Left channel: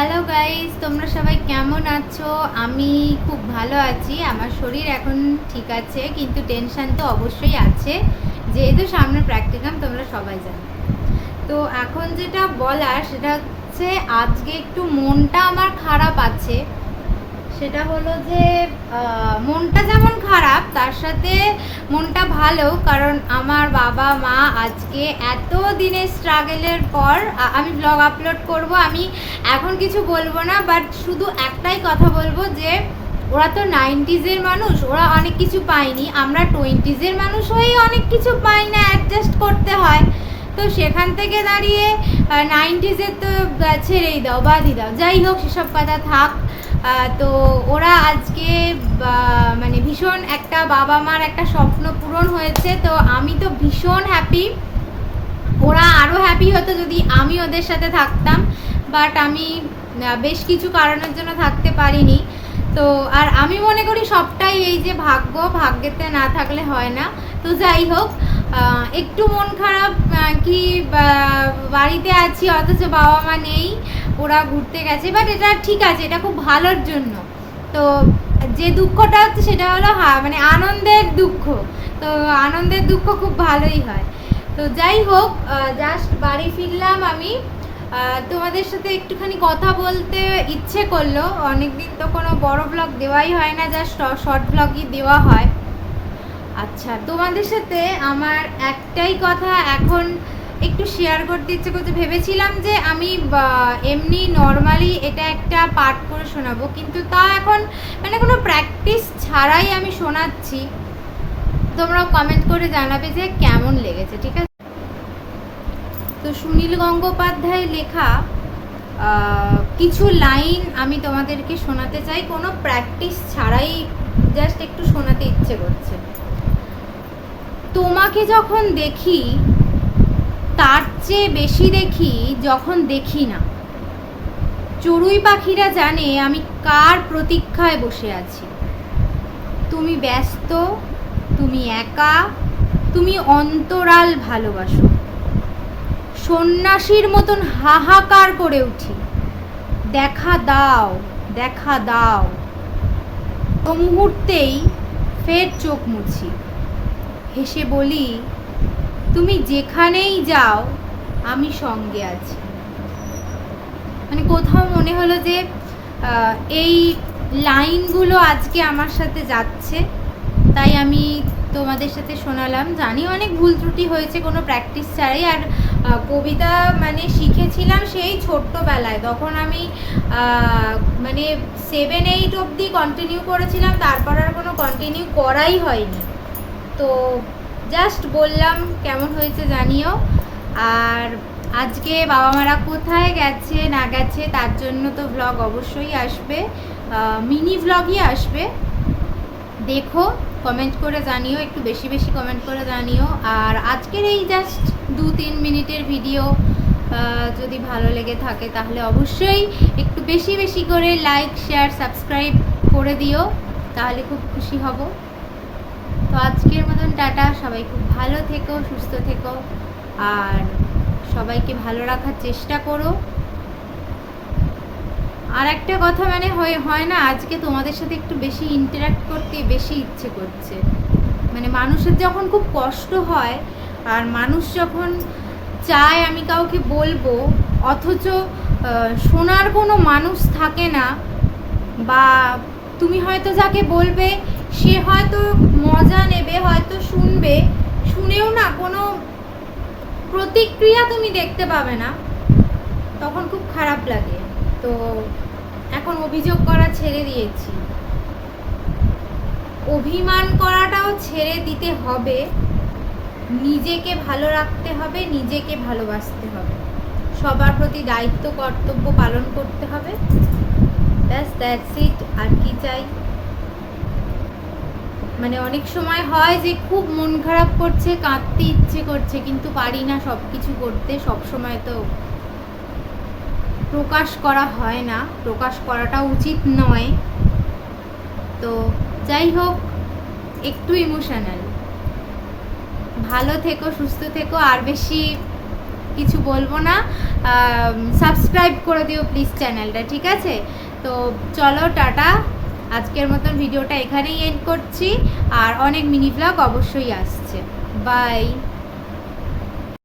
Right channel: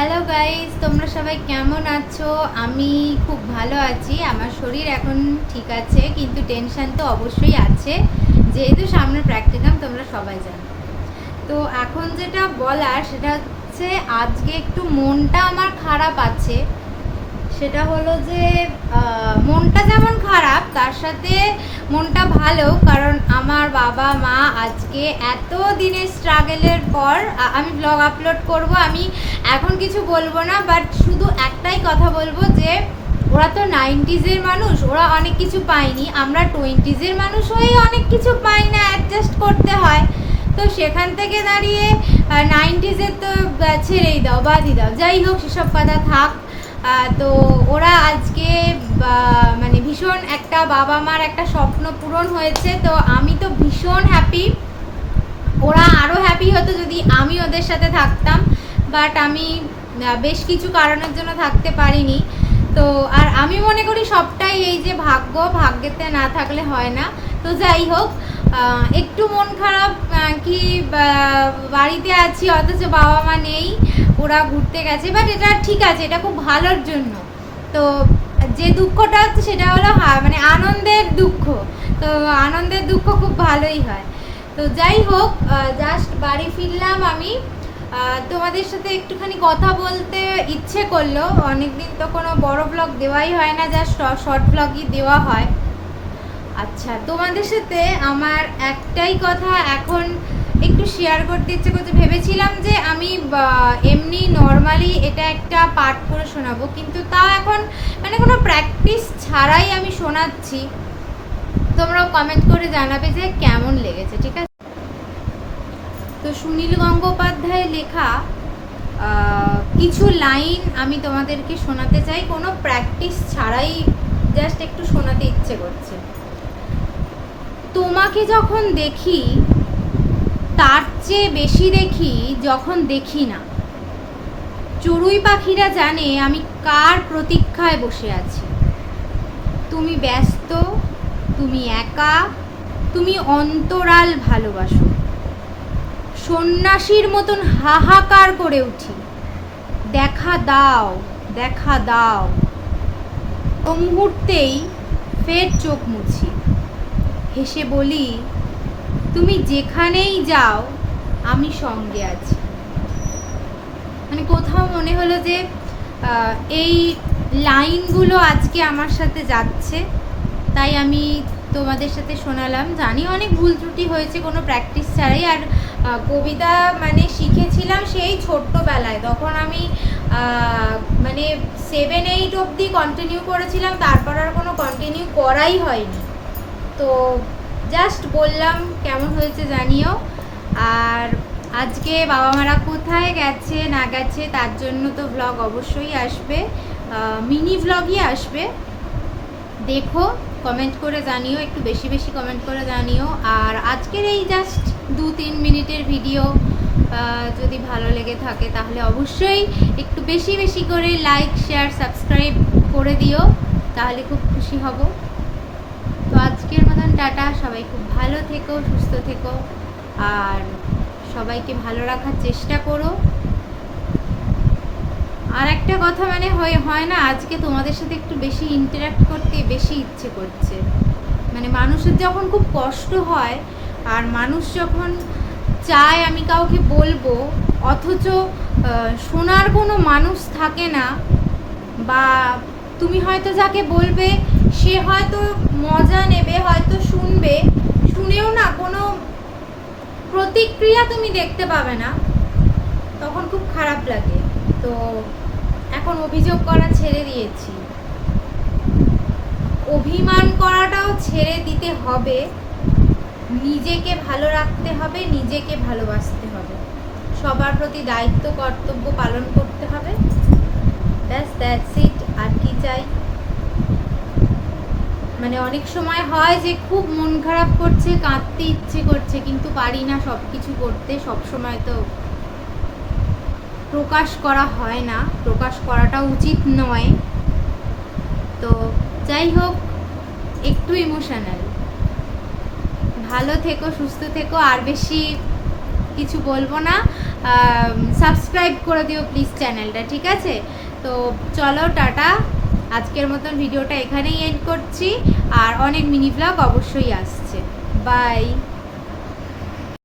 Hello guys তোমরা সবাই কেমন আছো? আমি খুব ভালো আছি। আমার শরীর এখন ঠিক আছে, কিন্তু টেনশান তো অবশ্যই আছে। যেহেতু সামনে প্র্যাকটিকাম তোমরা সবাই জানো। তো এখন যেটা বলার, সেটা হচ্ছে আজকে একটু মনটা আমার খারাপ আছে। সেটা হলো যে মনটা যেমন খারাপ, তার সাথে মনটা ভালো, কারণ আমার বাবা, মা আজকে এত দিনের স্ট্রাগলের পর আমি ব্লগ আপলোড করব, আমি এখন কিছু বলব না বাট শুধু একটাই কথা বলব যে, ওরা তো নাইনটিজের মানুষ, ওরা অনেক কিছু পায়নি, আমরা টোয়েন্টিজের মানুষ হয়েই অনেক কিছু পাই না অ্যাডজাস্ট করতে হয়। তো সেখান থেকে দাঁড়িয়ে নাইনটিজের তো ছেড়েই দাও, বাদই দাও, যাই হোক, সেসব কথা থাক। তো ওরা আজকে মানে ভীষণ একটা বাবা মার একটা স্বপ্ন পূরণ হয়েছে। তো আমি তো ভীষণ হ্যাপি ওরা আরও হ্যাপি হতো যদি আমি ওদের সাথে থাকতাম। বাট আমি বেশ কিছু কারণের জন্য থাকতে পারিনি। তো, আর আমি মনে করি সবটাই এই যে ভাগ্য, ভাগ্যেতে না থাকলে হয় না। তো যাই হোক একটু মন খারাপ কি বাড়িতে আছি, অথচ বাবা মা নেই, ওরা ঘুরতে গেছে বাট এটা ঠিক আছে, এটা খুব ভালোর জন্য। তো যে দুঃখটা হচ্ছে সেটা হলো মানে আনন্দের দুঃখ। তো আনন্দের দুঃখ খুব ভালোই হয়। তো যাই হোক জাস্ট বাড়ি ফিরলাম আমি। তোমাদের সাথে একটুখানি কথা বলতে ইচ্ছে করল। অনেকদিন তো কোনো বড় ব্লগ দেওয়াই হয় না জাস্ট শর্ট ব্লগই দেওয়া হয়। আচ্ছা তোমাদের সাথে আমার একটাই কথা এখন একটু শেয়ার করতে ইচ্ছে করছে। ভেবেছিলাম যে আমি এমনি নর্মালি এটা একটা পাঠ করে শোনাবো, কিন্তু তা এখন মানে কোনো প্র্যাকটিস ছাড়াই আমি শোনাচ্ছি। তোমরাও কমেন্ট করে জানাবে যে কেমন লেগেছে, ঠিক আছে? তো সুনীল গঙ্গোপাধ্যায় লেখা কিছু লাইন আমি তোমাদেরকে শোনাতে চাই। কোনো প্র্যাকটিস ছাড়াই জাস্ট একটু শোনাতে ইচ্ছে করছে। তোমাকে যখন দেখি, তার চেয়ে বেশি দেখি যখন দেখি না। চড়ুই পাখিরা জানে আমি কার প্রতীক্ষায় বসে আছি। তুমি ব্যস্ত, তুমি একা, তুমি অন্তরাল ভালোবাসো। সন্ন্যাসীর মতন হাহাকার করে উঠি। দেখা দাও দেখা দাও। ও মুহূর্তেই ফের চোখ মুছি। হেসে বলি, তুমি যেখানেই যাও, আমি সঙ্গে আছি। মানে কোথাও মনে হলো যে এই লাইনগুলো আজকে আমার সাথে যাচ্ছে, তাই আমি তোমাদের সাথে শোনালাম। জানি অনেক ভুল ত্রুটি হয়েছে, কোনো প্র্যাকটিস ছাড়াই। আর কবিতা মানে শিখেছিলাম সেই ছোট্টবেলায়। তখন আমি মানে সেভেন এইট অবধি কন্টিনিউ করেছিলাম, তারপর আর কোনো কন্টিনিউ করাই হয়নি। তো জাস্ট বললাম কেমন হয়েছে জানিও। আর আজকে বাবা মারা কোথায় গেছে, না গেছে, তার জন্য তো ব্লগ অবশ্যই আসবে। মিনি ব্লগই আসবে। দেখো কমেন্ট করে জানিও, একটু বেশি বেশি কমেন্ট করে জানিও। আর আজকের এই জাস্ট দু তিন মিনিটের ভিডিও যদি ভালো লেগে থাকে তাহলে অবশ্যই একটু বেশি বেশি করে লাইক শেয়ার সাবস্ক্রাইব করে দিও, তাহলে খুব খুশি হব। তো আজকের মতন টাটা। সবাই খুব ভালো থেকো, সুস্থ থেকো। আর সবাইকে ভালো রাখার চেষ্টা করো। আর একটা কথা মানে হয় হয় না, আজকে তোমাদের সাথে একটু বেশি ইন্টারাক্ট করতে বেশি ইচ্ছে করছে। মানে মানুষের যখন খুব কষ্ট হয়, আর মানুষ যখন চায় আমি কাউকে বলব, অথচ শোনার কোনো মানুষ থাকে না, বা তুমি হয়তো যাকে বলবে, সে হয়তো মজা নেবে, হয়তো শুনবে। শুনেও না কোনো প্রতিক্রিয়া তুমি দেখতে পাবে না। তখন খুব খারাপ লাগে। তো এখন অভিযোগ করা ছেড়ে দিয়েছি। অভিমান করাটাও ছেড়ে দিতে হবে। নিজেকে ভালো রাখতে হবে, নিজেকে ভালোবাসতে হবে। সবার প্রতি দায়িত্ব, কর্তব্য পালন করতে হবে। ব্যাস দ্যাটস ইট আর কি চাই? মানে অনেক সময় হয় যে খুব মন খারাপ করছে, কাঁদতে ইচ্ছে করছে, কিন্তু পারি না সব কিছু করতে। সব সময় তো প্রকাশ করা হয় না। প্রকাশ করাটা উচিত নয়। তো যাই হোক, একটু ইমোশনাল ভালো থেকো, সুস্থ থেকো। আর বেশি কিছু বলব না। সাবস্ক্রাইব করে দিও প্লিজ চ্যানেলটা ঠিক আছে? তো চলো, টাটা। আজকের মতন ভিডিওটা এখানেই এন্ড করছি। আর অনেক মিনি ব্লগ অবশ্যই আসছে। বাই